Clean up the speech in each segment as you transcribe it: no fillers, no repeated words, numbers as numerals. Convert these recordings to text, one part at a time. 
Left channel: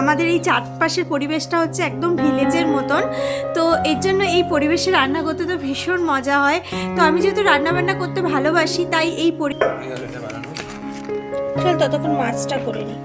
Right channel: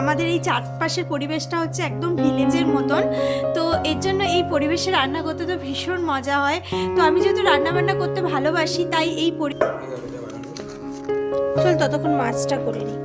আমাদের এই চারপাশের পরিবেশটা হচ্ছে একদম ভিলেজের মতন। তো এর জন্য এই পরিবেশে রান্না করতে তো ভীষণ মজা হয়। তো আমি যেহেতু রান্নাবান্না করতে ভালোবাসি তাই এই চল ততক্ষণ মাছটা করে নিই।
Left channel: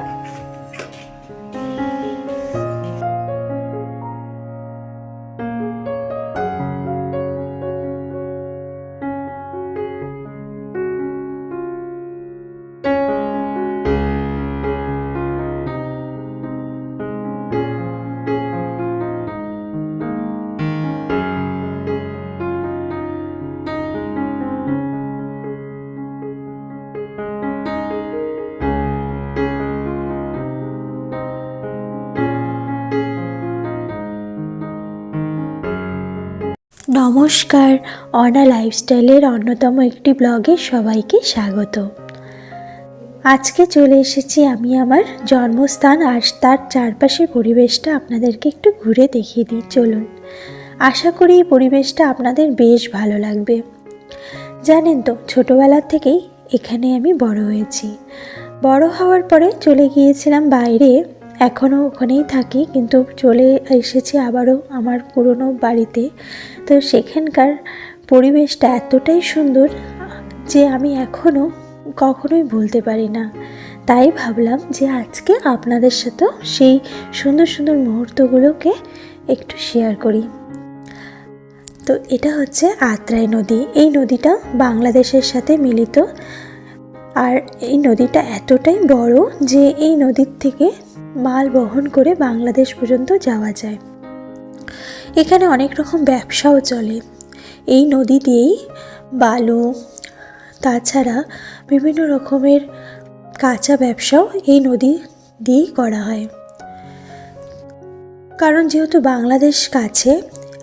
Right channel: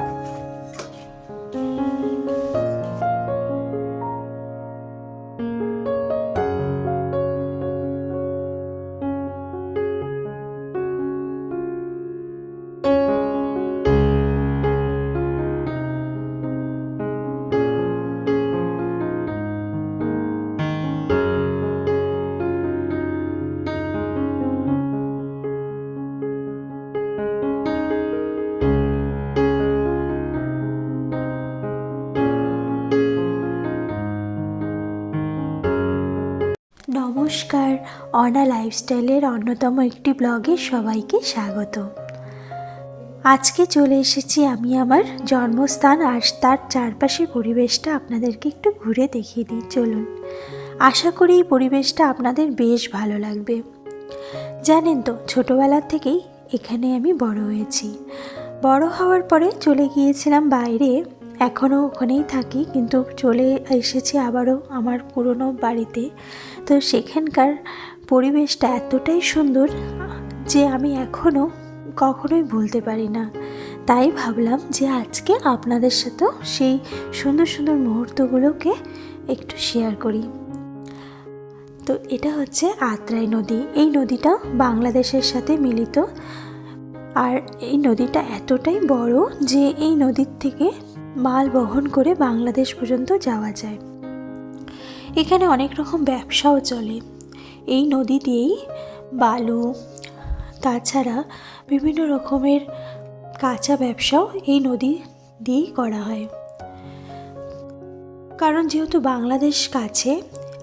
নমস্কার, অনা লাইফস্টাইলের অন্যতম একটি ব্লগে সবাইকে স্বাগত। আজকে চলে এসেছি আমি আমার জন্মস্থান আর তার চারপাশের পরিবেশটা আপনাদেরকে একটু ঘুরে দেখিয়ে দিই। চলুন, আশা করি এই পরিবেশটা আপনাদের বেশ ভালো লাগবে। জানেন তো, ছোটোবেলার থেকেই এখানে আমি বড় হয়েছি। বড় হওয়ার পরে চলে গিয়েছিলাম বাইরে, এখনও ওখানেই থাকি, কিন্তু চলে এসেছি আবারও আমার পুরনো বাড়িতে। তো সেখানকার পরিবেশটা এতটাই সুন্দর যে আমি এখনও কখনোই ভুলতে পারি না। তাই ভাবলাম যে আজকে আপনাদের সাথেও সেই সুন্দর সুন্দর মুহূর্তগুলোকে একটু শেয়ার করি। তো এটা হচ্ছে আত্রাই নদী। এই নদীটা বাংলাদেশের সাথে মিলিত, আর এই নদীটা এতটাই বড় যে এই নদীর থেকে মাল বহন করে বাংলাদেশ পর্যন্ত যাওয়া যায়। এখানে অনেক রকম ব্যবসাও চলে এই নদী দিয়েই। বালু, তাছাড়া বিভিন্ন রকমের কাঁচা ব্যবসাও এই নদী দিয়েই করা হয়। কারণ যেহেতু বাংলাদেশ কাছে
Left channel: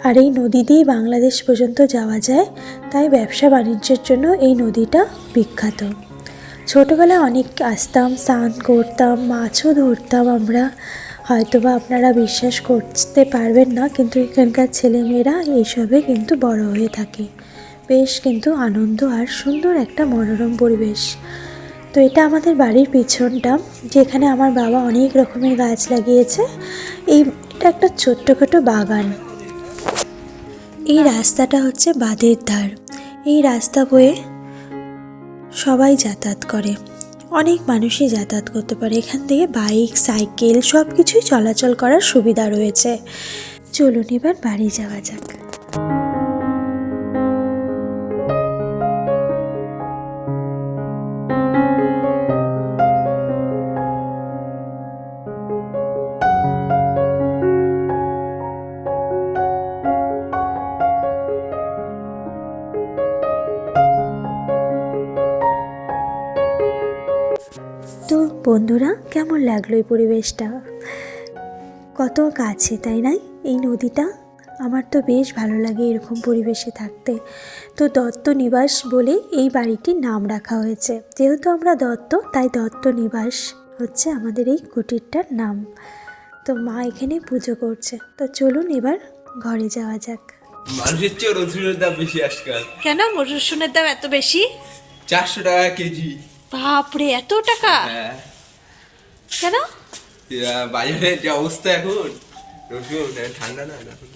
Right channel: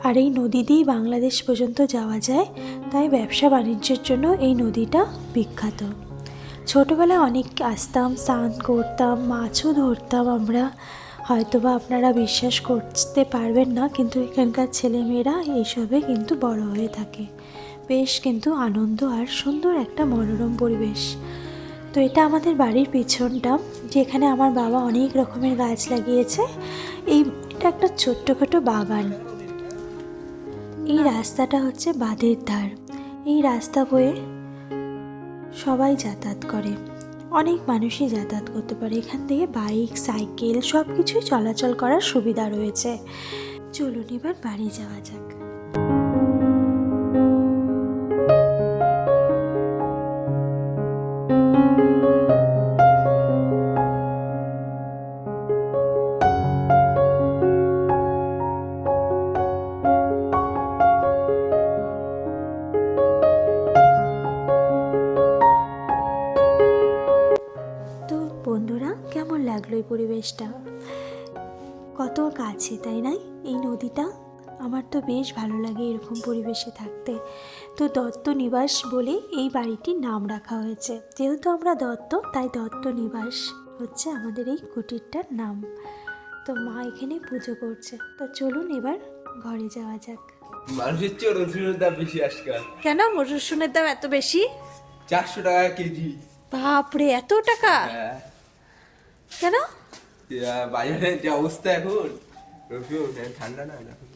আর এই নদী দিয়েই বাংলাদেশ পর্যন্ত যাওয়া যায়, তাই ব্যবসা বাণিজ্যের জন্য এই নদীটা বিখ্যাত। ছোটোবেলায় অনেক আসতাম, স্নান করতাম, মাছও ধরতাম আমরা। হয়তোবা আপনারা বিশ্বাস করতে পারবেন না, কিন্তু এখানকার ছেলেমেয়েরা এইসবে কিন্তু বড় হয়ে থাকে। বেশ কিন্তু আনন্দ আর সুন্দর একটা মনোরম পরিবেশ। তো এটা আমাদের বাড়ির পিছনটা, যেখানে আমার বাবা অনেক রকমের গাছ লাগিয়েছে। এটা একটা ছোট্টখাটো বাগান। এই রাস্তাটা হচ্ছে বাঁধের ধার। এই রাস্তা বয়ে সবাই যাতায়াত করে, অনেক মানুষই যাতায়াত করতে পারে। এখান থেকে বাইক, সাইকেল সব কিছুই চলাচল করার সুবিধা রয়েছে। চলুন এবার বাড়ি যাওয়া যাক। তো বন্ধুরা, কেমন লাগলো এই পরিবেশটা? কত কাছে, তাই নাই এই নদীটা? আমার তো বেশ ভালো লাগে এরকম পরিবেশে থাকতে। তো দত্ত নিবাস বলে এই বাড়িটির নাম রাখা হয়েছে। যেহেতু আমরা দত্ত, তাই দত্ত নিবাস হচ্ছে আমাদের এই কুটিরটার নাম। তো মা এখানে পুজো করছে। তো চলুন এবার ঘরে যাওয়া যাক। মানুষের চেয়ে রসুনের দাম বেশি আজকাল। কেন রসুনের দাম এত বেশি? 400 টাকা কেজি। বাপরে, এত টাকা? হ্যাঁ, কেন? বাজারের যে অবস্থা এখন, রসুন ঠান্ডা না এখন।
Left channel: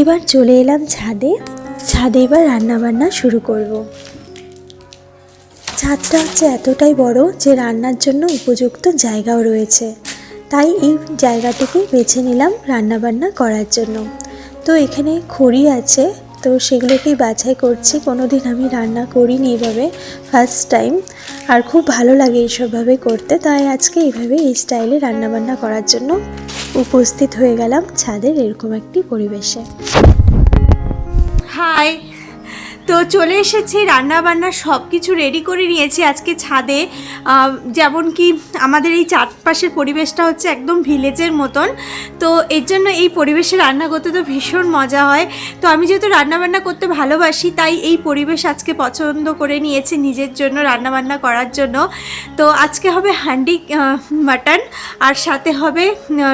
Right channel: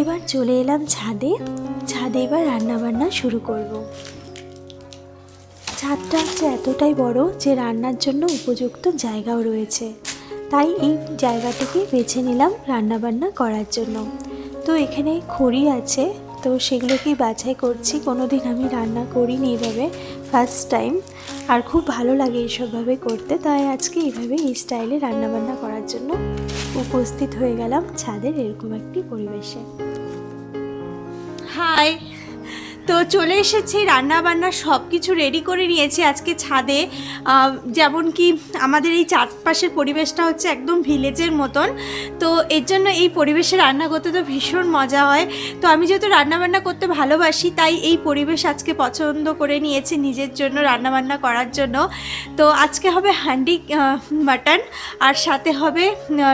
এবার চলে এলাম ছাদে। ছাদে এবার রান্নাবান্না শুরু করব। ছাদটা হচ্ছে এতটাই বড় যে রান্নার জন্য উপযুক্ত জায়গাও রয়েছে, তাই এই জায়গাটিকে বেছে নিলাম রান্নাবান্না করার জন্য। তো এখানে খড়ি আছে, তো সেগুলোকেই বাছাই করছি। কোনোদিন আমি রান্না করিনি এভাবে, ফার্স্ট টাইম। আর খুব ভালো লাগে এইসবভাবে করতে, তাই আজকে এইভাবে এই স্টাইলে রান্নাবান্না করার জন্য উপস্থিত হয়ে গেলাম ছাদের এরকম একটি পরিবেশে। হাই, তো চলে এসেছি, রান্নাবান্না সব কিছু রেডি করে নিয়েছি আজকে ছাদে। যেমন কি আমাদের এই চারপাশের পরিবেশটা হচ্ছে একদম ভিলেজের মতন। তো এর জন্য এই পরিবেশে রান্না করতে তো ভীষণ মজা হয়। তো আমি যেহেতু রান্নাবান্না করতে ভালোবাসি তাই এই পরিবেশ আজকে পছন্দ করে নিয়েছি নিজের জন্য রান্নাবান্না করার জন্য। তো আজকে হবে হান্ডি মাটন, আর সাথে হবে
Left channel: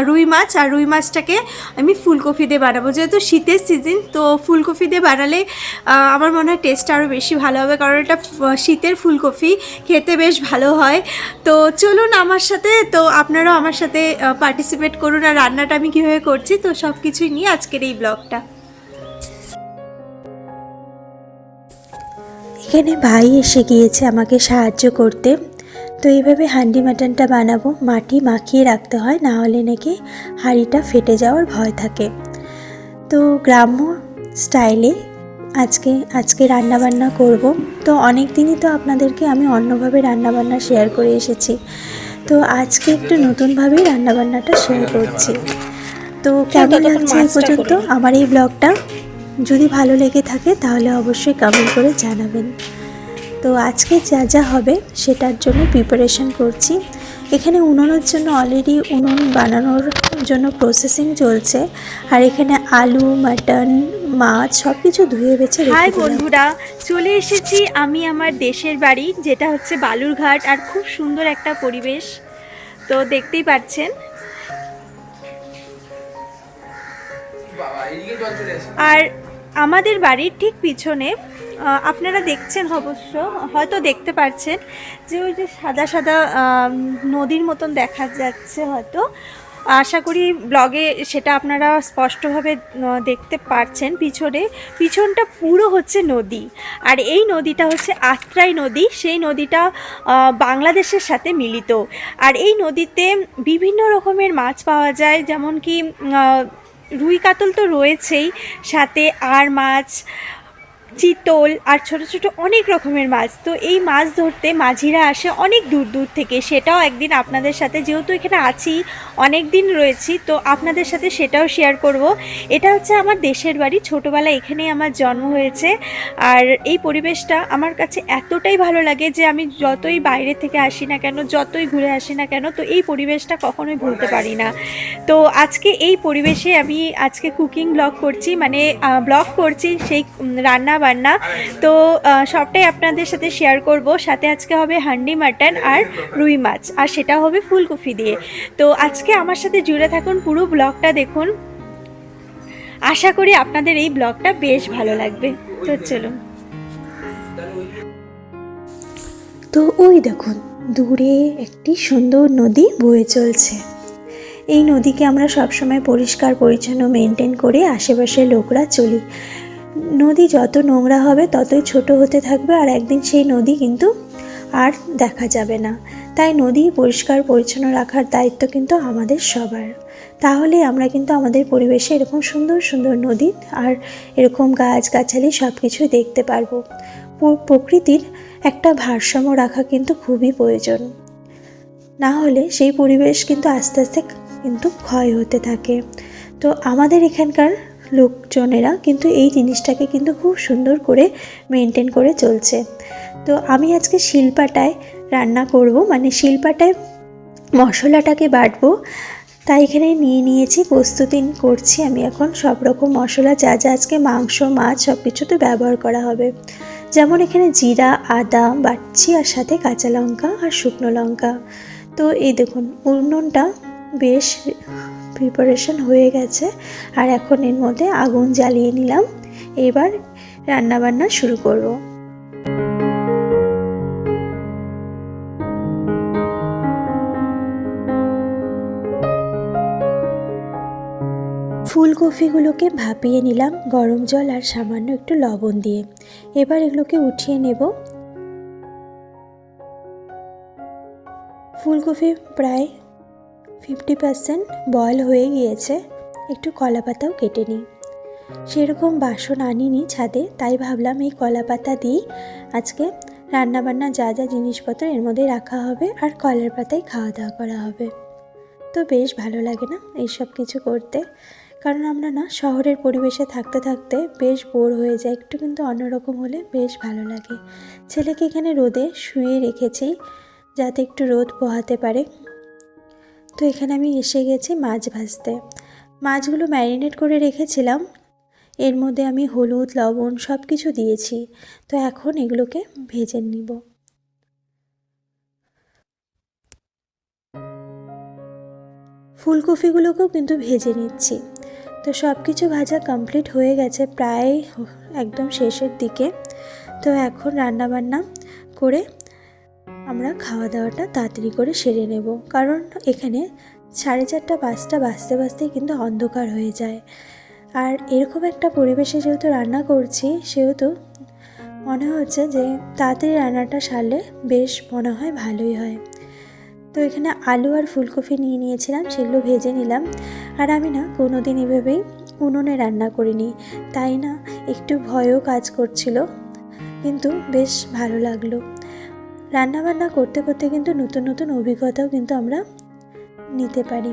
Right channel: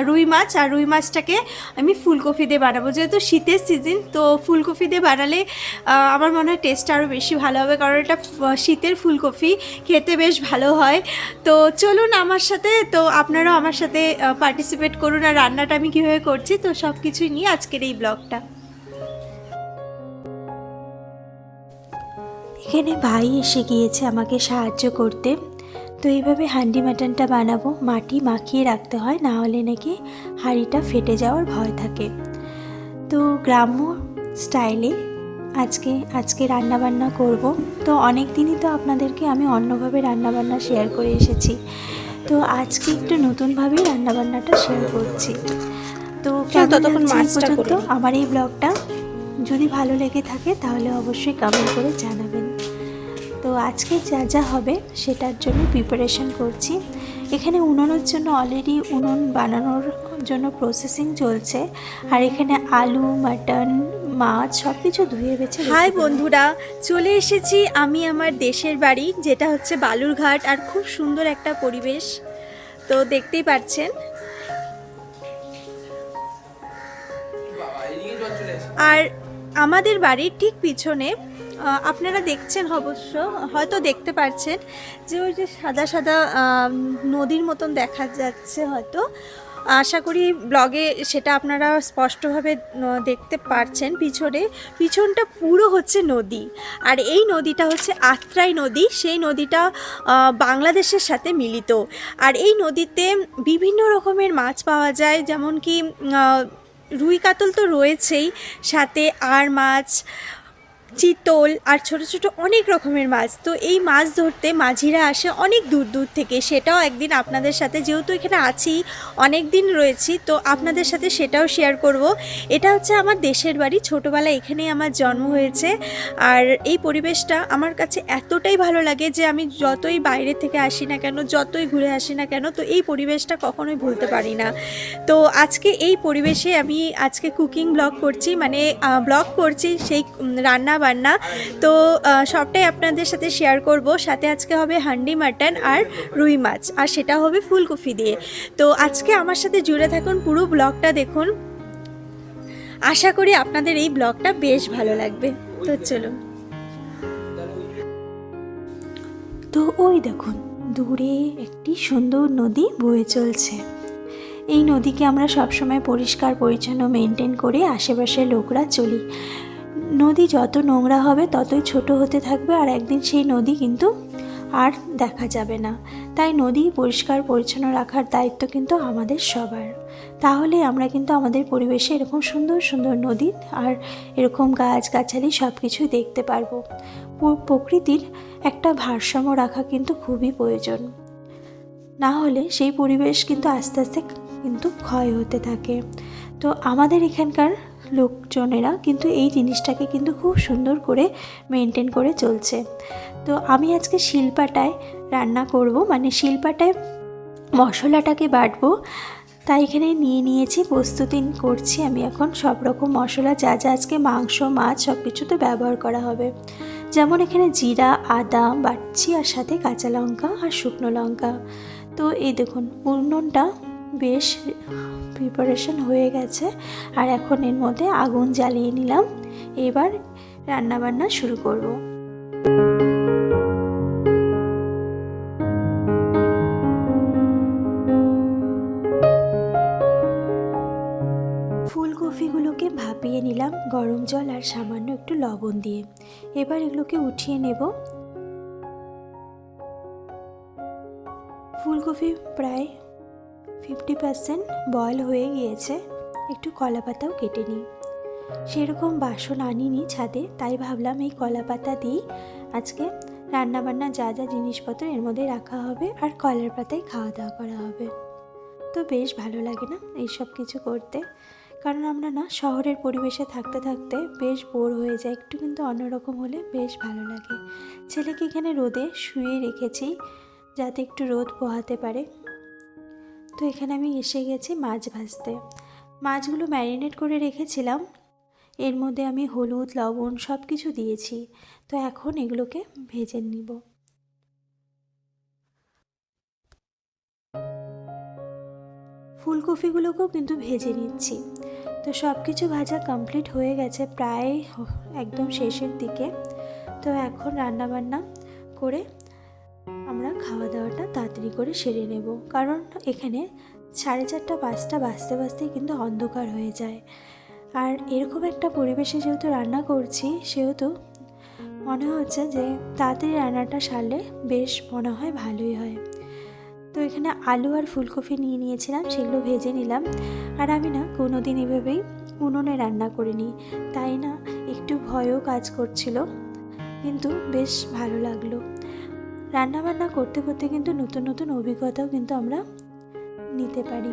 রুই মাছ। আর রুই মাছটাকে আমি ফুলকপি দিয়ে বানাবো, যেহেতু শীতের সিজন, তো ফুলকপি দিয়ে বানালে আমার মনে মনে হয় টেস্ট আরও বেশি ভালো হবে, কারণ এটা শীতের ফুলকপি, খেতে বেশ ভালো হয়। তো চলুন আমার সাথে, তো আপনারাও আমার সাথে পার্টিসিপেট করুন, আর রান্নাটা আমি কীভাবে করছি তো সব কিছুই নিয়ে আজকের এই ব্লগটা। এখানে ভাই এসে গিয়েছে আমাকে সাহায্য করতে। তো এইভাবে হান্ডি মাটনটা বানাবো, মাটি মাখিয়ে রাখতে হয়, না হলে নাকি হাঁড়িটা ফেটে যাওয়ার ভয় থাকে। তো গ্রাম্য স্টাইলে আজকে রান্নাবান্না করব। তো অনেক দিনই তো আপনাদেরকে আমি অন্যভাবে রান্নাবান্না শেয়ার করে এসেছি, তো আজকে একটু নতুনভাবেই রান্নাবান্নাটা শেয়ার করছি। তো কেমন লাগছে এই পর্যন্ত আমার এই ব্লগটা? যদি ভালো লেগে থাকে তাহলে অবশ্যই কমেন্ট করে জানাবেন। তো আজকে যা যা হবে সেটার জন্য প্রিপারেশন করছি। এখানে উনুনের জন্য অলরেডি উনুন বানানোর জন্য প্রসেসিং চলছে, আর এখানে আলু, মাটন, মাছ সব কিছু ধুয়ে বেছে রেখে হাই দিলাম। বন্ধুরা, চলে এসেছি আমি আমার দেশের বাড়ি, যেটা হচ্ছে বালুরঘাট, আর খুব সুন্দর একটা পরিবেশ, তো দেখতেই পাচ্ছেন। আর আমাদের বাড়ির ঠিক পিছনে আপনারা দেখছেন, অবশ্য হয়তো দেখতে পাচ্ছেন যে ওই যে সাদা সাদা নদীর মতন দেখা যাচ্ছে, হয়তো আশা করি ব্লগে সেটা আপনারা স্পষ্টভাবে দেখতে পারছেন। পিছনটা পুরো হচ্ছে নদী, আর এই নদীটা হচ্ছে আত্রাই নদী। সেই নদীটা বাংলাদেশের সাথে মিলিত, আর এই নদীতে বিভিন্ন রকমের মাছ পাওয়া যায়, যেমন কি রুই কাতল তো রয়েছেই, সাথে আর মাছ, চিতল, আর ছোট ছোট অনেক রকমের মাছ। তো এই মাছ ধরতে মাঝিরা আসে অনেক দূর দূর থেকে, সেটাও একদিন আপনাদের সাথে, যেহেতু এখানে আছি অনেক দিন রয়েছি, তো আপনাদের সাথে সেটাও শেয়ার করব। এটা হচ্ছে আমার দেশের বাড়ি, ছোটোবেলায় এখানেই আমার জন্ম হয়েছে, আর এই পরিবেশটা আমার কাছে এতটাই ভালো লাগে যে আমি যতই বাইরে থেকে আসি না কেন, যতই ঘুরে আসি না কেন, তো এই পরিবেশটা কখনোই ভুলতে পারি না। তো আজকে এই পরিবেশে আমি আজকে কুকিং ব্লগ করছি, মানে ব্লগ করছি সেই রান্না বান্না। তো সবটাই আপনাদের সাথে শেয়ার করব। সাথে আজকে হবে হান্ডি মাটন আর রুই মাছ, আর সেটা হবে ফুলকপি দিয়ে। তো আজকে আমার সাথে জুড়ে থাকুন, পুরো ব্লগটা দেখুন, আশা করি আপনাদের এই ব্লগটা বেশ ভালো লাগবে। তো চলুন। তো ওই দেখুন দূরে একটি সুন্দর নদী বয়ে চলছে। এই নদীকে আমরা সবসময় পরিষ্কার পরিচ্ছন্ন মেনটেন করে আশেপাশের লোকরা চলি। নদী যত নোংরা হবে ততই ছোট হতে থাকবে, আর একদিন সেই নদী কিন্তু আর দেখা যাবে না। তাই নদী পরিষ্কার পরিচ্ছন্ন রাখার দায়িত্ব কিন্তু আমাদের সবার। তাহলে আমরা কিন্তু আমাদের পরিবেশে এরকম সুন্দর সুন্দর নদী আর এরকম গাছগাছালি সব কিছুই দেখতে পারবো। প্রকৃতির একটা ভারসাম্য রাখা কিন্তু খুবই প্রয়োজন, না হলে সেই পরিবেশ কিন্তু আস্তে আস্তে কিন্তু ক্ষয় হতে থাকে। তো আমাদের এখানকার লোকজনেরা কিন্তু এই জিনিসটাকে কিন্তু খুব সুন্দর করে মেনটেন করে চলছে। তো আমি আজকে শিলপাটায় রান্না করব, মানে শিলপাটায় মশলাটাকে বাটবো। তাই এখানে নিয়েছি, প্রস্তুতি করছি আমি এখন সব রকম মশলা, যা যা আজকে মাংস, মাছ সব কিছুতে ব্যবহার করা হবে। যেমন এখানে জিরা, আদা বাটছি, আর সাথে কাঁচা লঙ্কা আর শুকনো লঙ্কা। তো এই দেখুন উনুনটা বেশ প্রিপারেশন হয়ে গেছে, আর এখন এর মধ্যে আগুন জ্বালিয়ে নিলাম। এবার রান্নাবান্না শুরু করব। ফুলকপিগুলোকে ভাপিয়ে নিলাম গরম জল আর সামান্য একটু লবণ দিয়ে। এবার এগুলোকে উঠিয়ে নেব। ফুলকপি প্রায় 50% বয়েল হয়ে গিয়েছে। একটু কলা পাতাও কেটে নিই। সেরকম বাসন আনিনি ছাদে, তাই ভাবলাম এই কলা পাতা দিয়েই আজকে রান্নাবান্না যা যা জিনিসপত্র এর মধ্যে রাখা হবে, আর কলার পাতায় খাওয়া দাওয়া করা হবে। তো বেশ ভালো লাগে না এইসব কিছু করতে, কারণ আমরা না শহরের পরিবেশে থাকতে থাকতে বেশ বোর হয়ে যায়। একটু কিন্তু অন্যরকম হলে বেশ ভালো লাগে। ছেলেকে এখানে রোদে শুয়ে রেখেছি যাতে একটু রোদ পোহাতে পারে। তো এখানে আমি এসে গেছি মাছ ভাজতে। মাছগুলো ম্যারিনেট করে রেখেছিলাম, এর মধ্যে আমি হলুদ, লবণ সব কিছু দিয়েছি। তো এখন এগুলোকে ভেজে নিব। ফুলকপিগুলোকেও কিন্তু ভেজে নিচ্ছি। তো সব কিছু ভাজা কমপ্লিট হয়ে গেছে, প্রায় একদম শেষের দিকে। তো এখন রান্নাবান্না করে আমরা খাওয়া দাওয়াটা তাড়াতাড়ি করে সেরে নেব, কারণ এখানে 4:30 5টা বাজতে বাজতেই কিন্তু অন্ধকার হয়ে যায়। আর এরকম একটা পরিবেশে যেহেতু রান্না করছি, সেহেতু মনে হচ্ছে যে তাড়াতাড়ি রান্নাটা সারলে বেশ মনে হয় ভালোই হয়। তো এখানে আলু আর ফুলকপি নিয়ে নিয়েছিলাম, সেগুলো ভেজে নিলাম। আর আমি না কোনো দিন এভাবেই উনুনে রান্না করিনি, তাই না একটু ভয়ও কাজ করছিল, কিন্তু বেশ ভালো লাগলো। রান্নাবান্না করতে করতে কিন্তু নতুন নতুন অভিজ্ঞতাও কিন্তু আমরা নিতে পারি।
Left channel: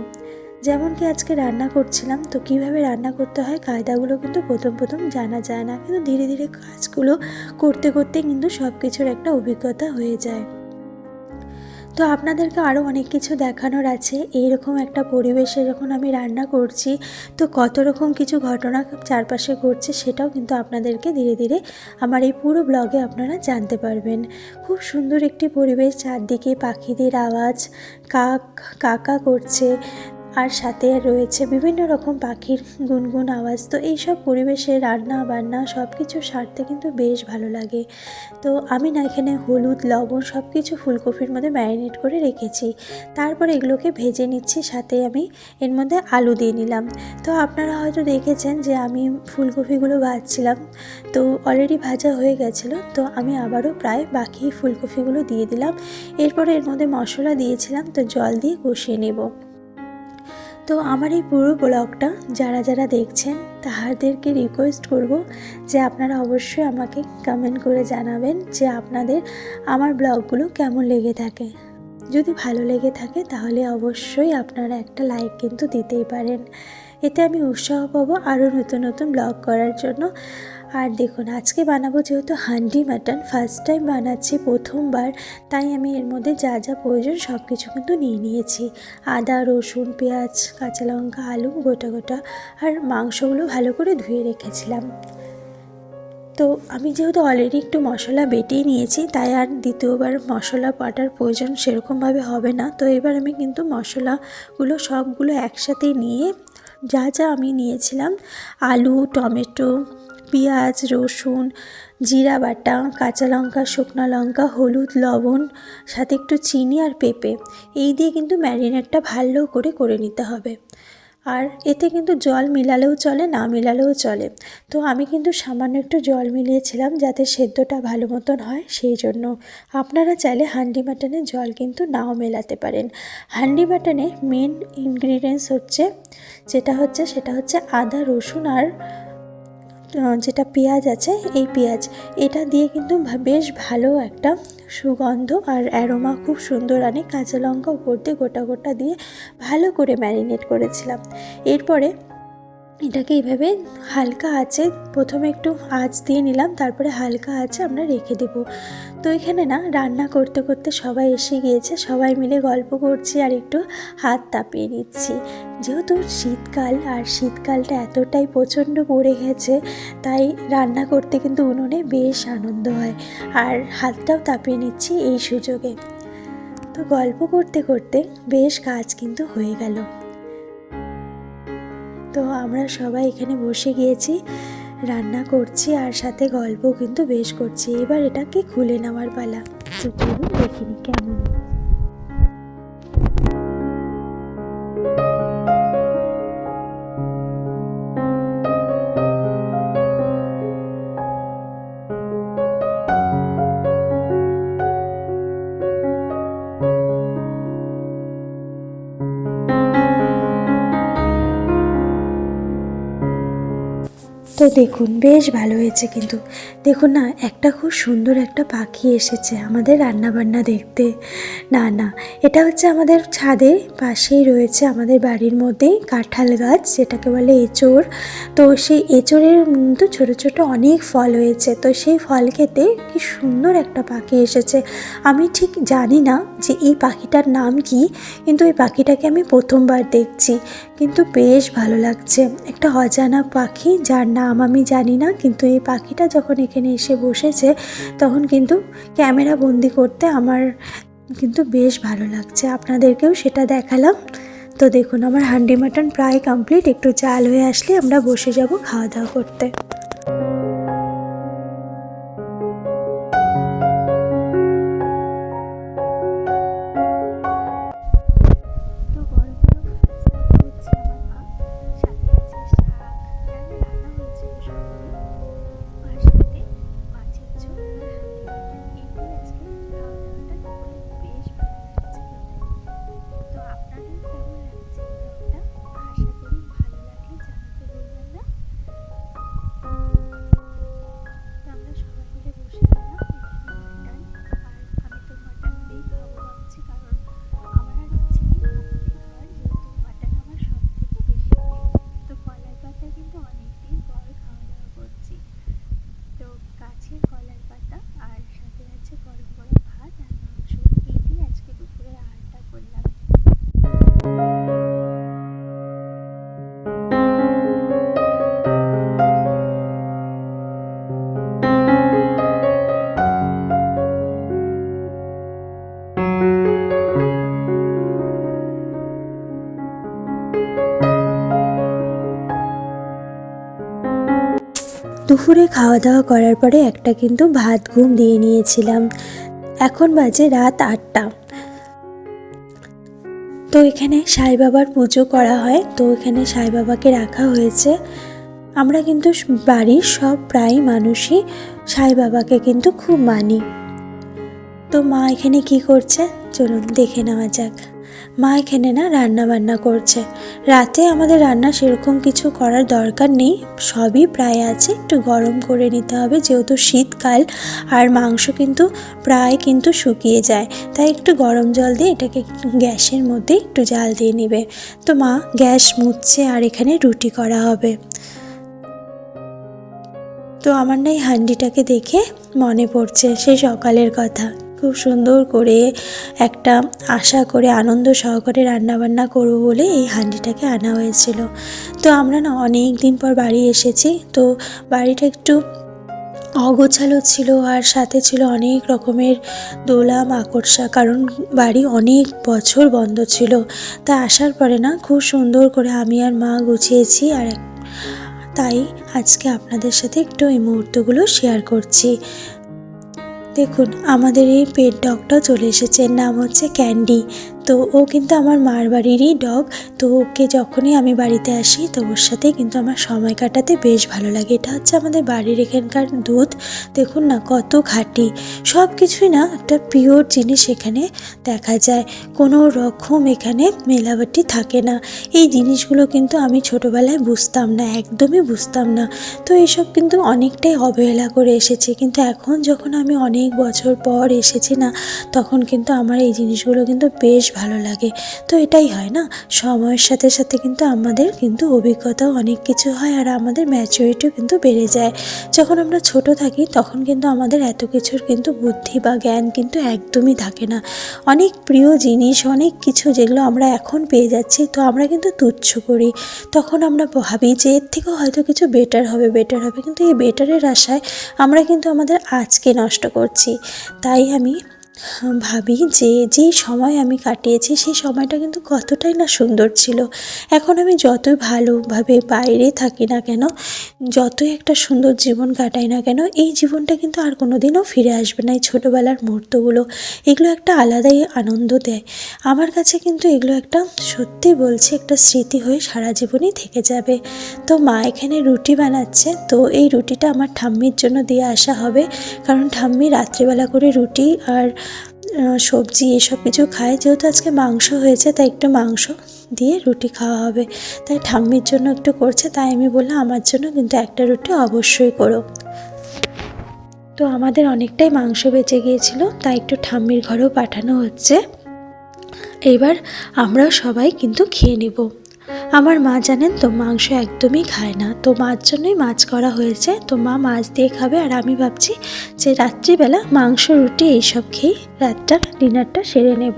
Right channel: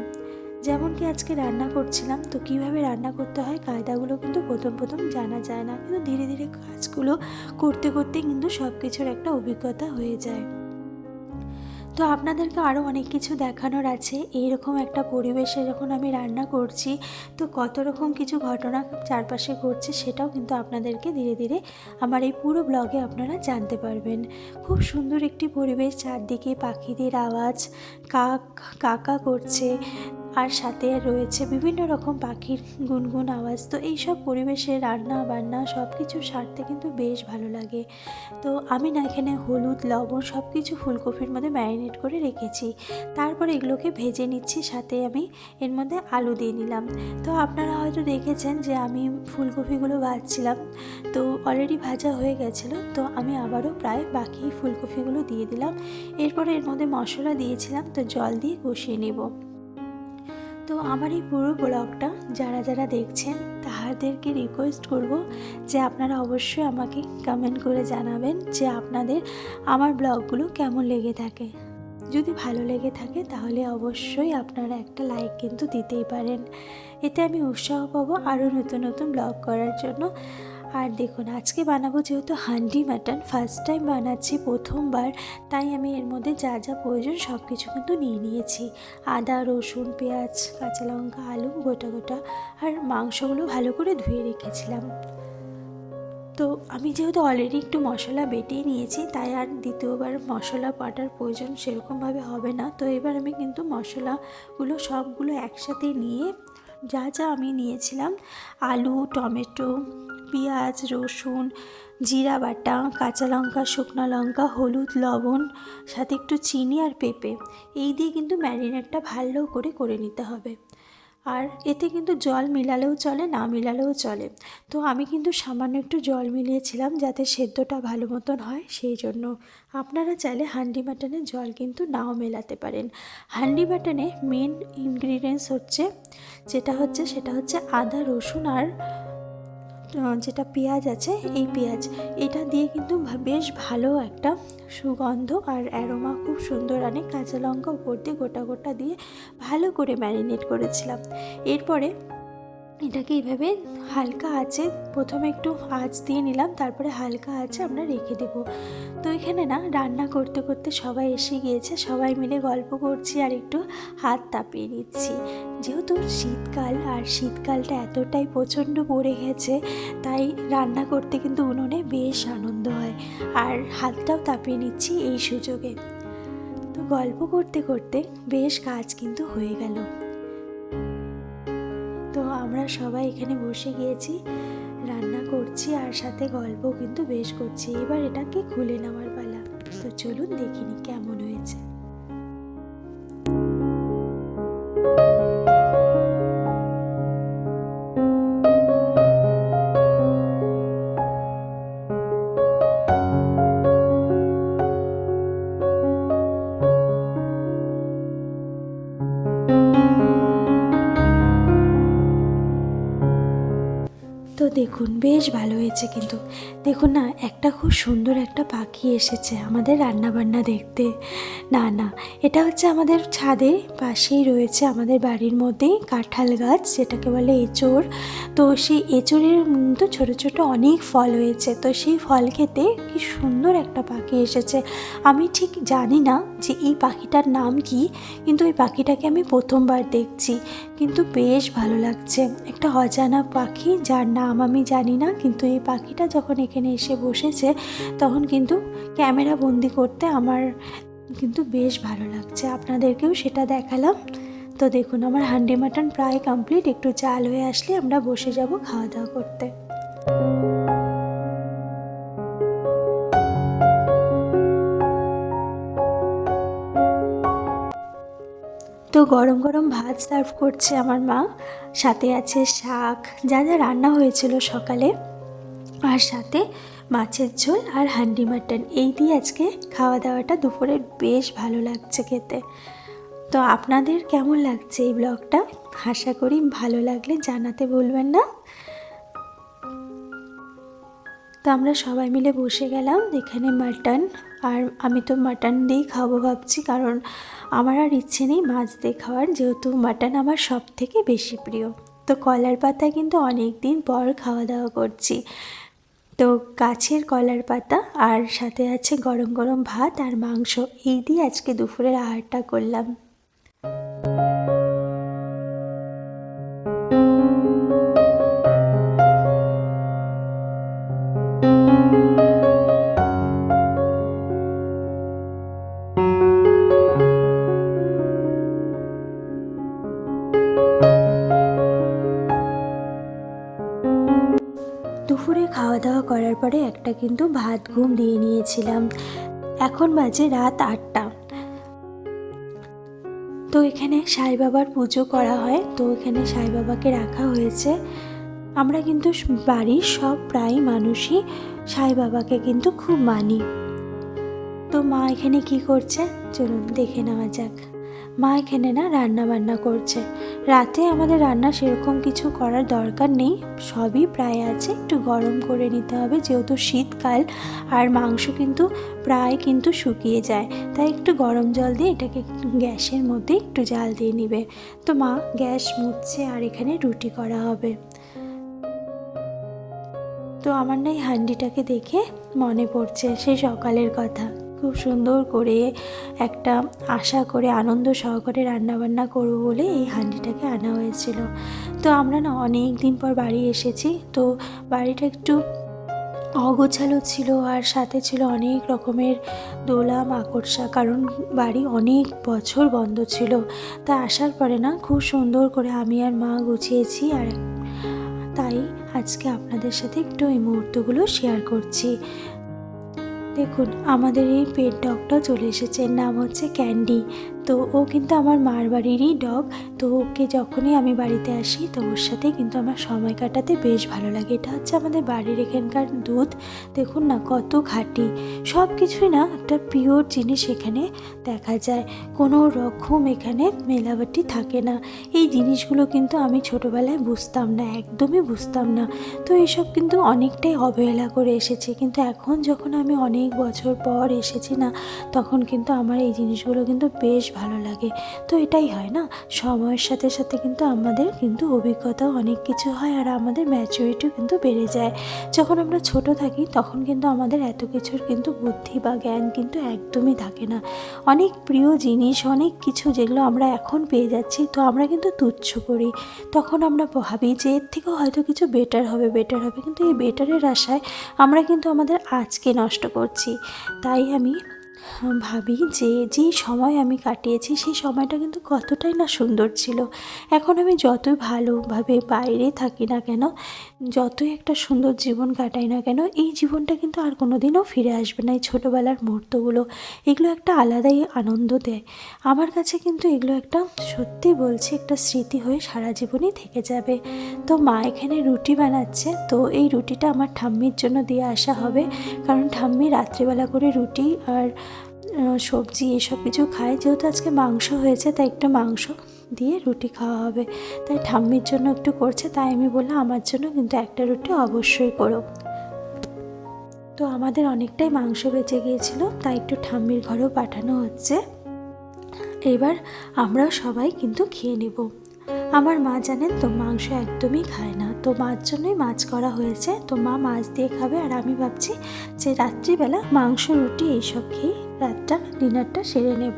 যেমন কি আজকে রান্না করছিলাম, তো কীভাবে রান্না করতে হয় কায়দাগুলো কিন্তু প্রথম প্রথম জানা যায় না, কিন্তু ধীরে ধীরে কাজগুলো করতে করতে কিন্তু সব কিছুর একটা অভিজ্ঞতা হয়ে যায়। তো আপনাদেরকে আরও অনেক কিছু দেখানোর আছে। এইরকম একটা পরিবেশে যখন আমি রান্না করছি, তো কত রকম কিছু ঘটনা চারপাশে ঘটছে, সেটাও কিন্তু আপনাদেরকে ধীরে ধীরে আমার এই পুরো ব্লগে আপনারা জানতে পারবেন। খুব সুন্দর একটি পরিবেশ, চারদিকে পাখিদের আওয়াজ, কাকা করছে, আর সাথে রয়েছে বিভিন্ন রকম পাখির গুনগুন আওয়াজ। তো এইসব পরিবেশে রান্না বান্না সব কিছু সারতে কিন্তু বেশ ভালো লাগে। তো আমি না এখানে হলুদ, লবণ সব কিছু ফুলকপির মধ্যে ম্যারিনেট করে রেখেছি, তারপর এগুলোকে ভেজে নিচ্ছি, সাথে আমি এর মধ্যে আলু দিয়ে নিলাম। তো আপনারা হয়তো দেখেছেন যে আমি ফুলকপিগুলো ভাজছিলাম, তো অলরেডি ভাজা হয়ে গেছিলো, তো আমি আবারও প্রায় বাকি ফুলকপিগুলো দিয়ে দিলাম। এরপরে এর মধ্যে মশলা দিয়েছিলাম, তো জল দিয়ে কষিয়ে নেব। তো আমার এই পুরো ব্লগটা যারা যারা দেখছেন তাদেরকে রিকোয়েস্ট করব যে আপনারা অবশ্যই আমাকে কমেন্ট করে জানাবেন যে আপনাদের আমার ব্লগগুলো কেমন লেগে থাকে। যদি ভালো লেগে থাকে তাহলে অবশ্যই আপনারা একটা লাইক কিন্তু দিতেই পারেন, এতে আমি উৎসাহ পাবো আরও নতুন নতুন ব্লগ করার জন্য। আর দেখুন, আজকে বানাবো যেহেতু হান্ডি মাটন, ফার্স্ট টাইম বানাচ্ছি, প্রথমবার, তাই আমি এর মধ্যে যা যা প্রয়োজন সব কিছু কিন্তু নিয়ে নিয়েছি। আদা, রসুন, পেঁয়াজ, কাঁচা লঙ্কা, আলু গোটা গোটা, আর মাংসগুলো ভালো করে ধুয়ে রেখেছিলাম। তো আমি যেহেতু অলরেডি একটু মশলা বেটেই নিয়েছি, তাই আর দ্বিতীয়বার মশলা বাটার প্রয়োজন সেরকমভাবে হবে না। তো এবার আমি কিন্তু মশলাগুলো সবগুলো একসাথে নিয়ে, যা যা আমি নিয়েছিলাম, আলু, টমেটো, পেঁয়াজ, রসুন, জিরা বাটা, কাঁচা লঙ্কা, শুকনো লঙ্কা, হলুদ, লবণ, সাথে একটু চিনি আর পেঁপে, এই দিয়ে কিন্তু ম্যারিনেটটা ভালো করে নিতে হবে। আর এতে কিন্তু জল মিলালেও চলে, না মিলালেও চলে। তো আমি কিন্তু সামান্য একটু জল মিলিয়েছিলাম যাতে সেদ্ধটা ভালো মতন হয়, সেই জন্য। আপনারা চাইলে হান্ডি মাটনে জল কিন্তু নাও মেলাতে পারেন। হান্ডি মাটনে মেন ইনগ্রিডিয়েন্টস সেটা হচ্ছে আদা, রসুন, আর যেটা পেঁয়াজ আছে, এই পেঁয়াজ, এটা দিয়ে কিন্তু বেশ ভালো একটা সুগন্ধ আর অ্যারোমা খুব সুন্দর আনে। কাঁচা লঙ্কা উপর দিয়ে গোটা গোটা দিয়ে ভালো করে ম্যারিনেট করেছিলাম। এরপরে এটাকে এইভাবে হালকা আঁচে, প্রথমে একটু আঁচ দিয়ে নিলাম, তারপরে হালকা আঁচে আমরা রেখে দেব। তো এখানে না রান্না করতে করতে সবাই এসে গিয়েছে, সবাই মিলে গল্প করছি আর একটু হাত তাপিয়ে নিচ্ছি। যেহেতু শীতকাল, আর শীতকালটা এতটাই প্রচণ্ড পড়ে গেছে, তাই রান্না করতে কিন্তু উনুনে বেশ আনন্দ হয়, আর হাতটাও তাপিয়ে নিচ্ছি এই সুযোগে। তো গল্প করতে করতে বেশ কাজ কিন্তু হয়ে গেল। তো আমরা সবাই এখানে বসে গিয়েছি, রান্না করছি আর সাথে গল্প কিন্তু বেশ করছি। এবার এটাকে খুলে নেওয়ার পালা। তো চলো দেখিনি কেমন হয়েছে। তো দেখুন বেশ ভালো হয়েছে, কিন্তু দেখুন না, একটা খুব সুন্দর একটা পাখি এসেছে আমাদের রান্নাবান্না দেখতে। না, এটা হচ্ছে আমাদের ছাদে পাশেই রয়েছে, আমাদের বাড়ির মধ্যেই কাঁঠাল গাছ, যেটাকে বলে এঁচোড়। তো সেই এঁচোড়ের কিন্তু ছোটো ছোটো অনেক ফল হয়েছে, তো সেই ফল খেতে কি সুন্দর একটা পাখি এসেছে। আমি ঠিক জানি না যে এই পাখিটার নাম কি, কিন্তু এই পাখিটাকে আমি প্রথমবার দেখছি, কিন্তু বেশ ভালো লাগছে। একটা অজানা পাখি যার নাম আমি জানি না, কিন্তু এই পাখিটা যখন এখানে এসে বসেছে তখন কিন্তু ক্যামেরা বন্দি করতে আমার কিন্তু বেশ ভালো লাগছে, আপনাদেরকেও সেটা দেখালাম। তো দেখুন আমার হান্ডি মাটন প্রায় কমপ্লিট, একটু জাল হয়ে আসলে আমরা বসে যাব খাওয়া দাওয়া করতে। তো গরম গরম ভাত সার্ভ করছে আমার মা, সাথে আছে শাক, যা যা রান্না হয়েছিল সকালে, আর সাথে মাছের ঝোল আর হান্ডি মাটন। এই দিয়ে আজকে খাওয়া দাওয়াটা দুপুরে বেশ ভালো লাগছে খেতে। তো আপনাদের কেমন লাগছে এই ব্লগটা? আশা করি ভালো লাগলে জানাতে ভুলবেন না। তো আমরা সবাই মিলে বসে গেলাম এখানে মাটন, আর আমি তো মাটন দিয়েই খাবো ভাবছি, কারণ আমার আর ইচ্ছে নেই মাছ দিয়ে খাওয়ার, যেহেতু মাটন আমার সব থেকে বেশি প্রিয়। তো কলার পাতায় কিন্তু অনেক দিন পর খাওয়া দাওয়া করছি। তো গাছের কলার পাতা আর সাথে আছে গরম গরম ভাত আর মাংস, এই দিয়ে আজকে দুপুরের আহারটা করলাম। দুপুরে খাওয়া দাওয়া করার পরে একটা কিন্তু ভাত ঘুম দিয়ে নিয়েছিলাম। এখন বাজে রাত 8টা। তো এখানে সাই বাবার পুজো করা হয়, তো এখানে সাই বাবাকে রাখা হয়েছে। আমরা কিন্তু বাড়ির সব প্রায় মানুষই সাই বাবাকে কিন্তু খুব মানি। তো মা এখানে কি করছে চলুন দেখে নেওয়া যাক। মা এখানে না রান্না বান্না করছে। রাতে আমাদের রান্না সেরকম কিছু করার দরকার নেই, সবই প্রায় আছে, একটু গরম করে নিতে হবে যেহেতু শীতকাল, আর মাংস কিন্তু প্রায় কিন্তু শুকিয়ে যায়, তাই একটু গরম জল দিয়ে এটাকে গ্যাসের মধ্যে একটু জাল দিয়ে নেবে। তো মা গ্যাস মুছছে আর এখানে রুটি করা হবে। তো আমার না এই হান্ডিটাকে দেখে মনে পড়ছে সেই সকালের কথা। খুব সুন্দর করে একটা আশা করে আনন্দ সহকারে রান্নাবান্না করবো বলে এই হান্ডিটাকে আনা হয়েছিল। তো আমরা না অনেক দিন পর বাড়ি এসেছি, তো বাড়িটা একটু অগোছালো ছিল, আর সাথে ছিল অনেক রকমের দোলা মাকড়সা, কারণ বাড়ি অনেক বছর বন্ধ ছিল। তা আসার পরে না খুব সুন্দর করে আমি আর মা গুছিয়েছি, আর তাই আজকে আপনাদের সাথে একটু এই মুহূর্তগুলো শেয়ার করছি। দেখুন আমাদের এই পেট ডগটা চলে এসেছে, নাম হচ্ছে ক্যান্ডি। তো ও কিন্তু আমার মার বাড়িরই ডগ। তো ওকে যখনই আমি বাড়িতে আসি তো ওর সাথে কিন্তু আমার সময় কাটাতে বেশ ভালো লাগে। এটা হচ্ছে আমাদের বাড়ির এখানকার দুধ। দেখুন না কত খাঁটি, সব কিছুই না একটা পিওর জিনিস এখানে দেখা যায়, কোনো রকম এখানে মেলাবাটি থাকে না। এই জিনিসগুলো কিন্তু আমি ছোটোবেলায় বুঝতাম না, একদমই বুঝতাম না। তো এসব কিন্তু অনেকটাই অবহেলা করে এসেছি, কিন্তু এখন যখন আমি অনেক বছর পর এসেছি না, তখন কিন্তু আমার এই জিনিসগুলো কিন্তু বেশ ভালো লাগে। তো এটাই হয় না, সময়ের সাথে সাথে কিন্তু আমাদের কিন্তু অভিজ্ঞতাও অনেক কিছু হয়, আর আমাদের ম্যাচুরিটিও কিন্তু বেড়ে যায়। যখন আমরা ছোট থাকি তখন কিন্তু আমাদের এত কিছুর কিন্তু বুদ্ধি বা জ্ঞান কিন্তু একদমই থাকে না। অনেক প্রিয় জিনিস, অনেক কিছু যেগুলো আমরা এখন পেয়ে যাচ্ছি, তো আমরা কিন্তু তুচ্ছ করি। তখন আমরা ভাবি যে এর থেকেও হয়তো কিছু বেটার হবে, কিন্তু এই বেটারের আশায় আমরা কিন্তু আমাদের আজকে নষ্ট করছি। তাই আমি ভাবি যে যেই সময় আমি কাটিয়েছি সেই সময়টা কিন্তু কতটাই না সুন্দর ছিল। এখন আমি যতই ভালোভাবে বাইরে থাকি না কেন, যতই একটা সুন্দর জীবন কাটাই না কেন, এই জীবনটা কিন্তু আর কোনো দিনও ফিরে আসবে না। এই ছোটোবেলার মুহূর্তগুলো, এগুলো একটা আলাদাই আনন্দ দেয় আমার কাছে, কিন্তু এগুলো একটা সত্যি বলছি একটা স্মৃতি হয়ে সারা জীবনই থেকে যাবে। তো মা এখানে রুটি বানাচ্ছে, তো এই রুটিটা আমার ঠাম্মির জন্য দিয়ে আসা হবে, কারণ ঠাম্মি রাত্রিবেলা করে রুটি আর সবজি এসব কিছু খায়। যেহেতু আজকে মাংস হয়েছে তাই একটু মাংস দিয়ে রুটি খাওয়া হবে, তাই ঠাম্মির জন্য একটু করছে। তাই আমি বললাম আমার জন্য কিন্তু একটা রুটি অবশ্যই করো। তো আমাদের অনেকটাই মাংস বেঁচে গিয়েছিল, তাই একটু ঠাম্মির ঘরেও পাঠানো হচ্ছে। এইবার আমরা সবাই কিন্তু খেয়ে নেব। আমার মা জানেন তো মাংস একদমই খায় না, তো মার জন্যই মাছ করা হয়েছে। তো মা মাছ দিয়ে খাবে, আর আমি ভাবছি যে রাত্রিবেলা মাংস রুটি এইসব খেয়ে রাতটার ডিনারটা সেরে নেব।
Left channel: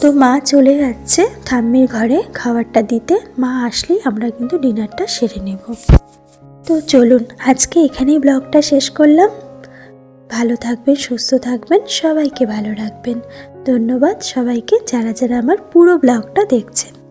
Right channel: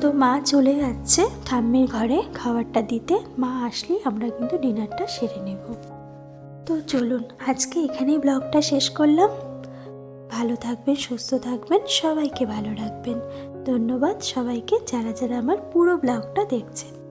তো মা চলে যাচ্ছে ঠাম্মির ঘরে খাবারটা দিতে। মা আসলেই আমরা কিন্তু ডিনারটা সেরে নেব। তো চলুন আজকে এখানেই ব্লগটা শেষ করলাম। ভালো থাকবেন, সুস্থ থাকবেন, সবাইকে ভালো রাখবেন। ধন্যবাদ সবাইকে যারা যারা আমার পুরো ব্লগটা দেখছেন।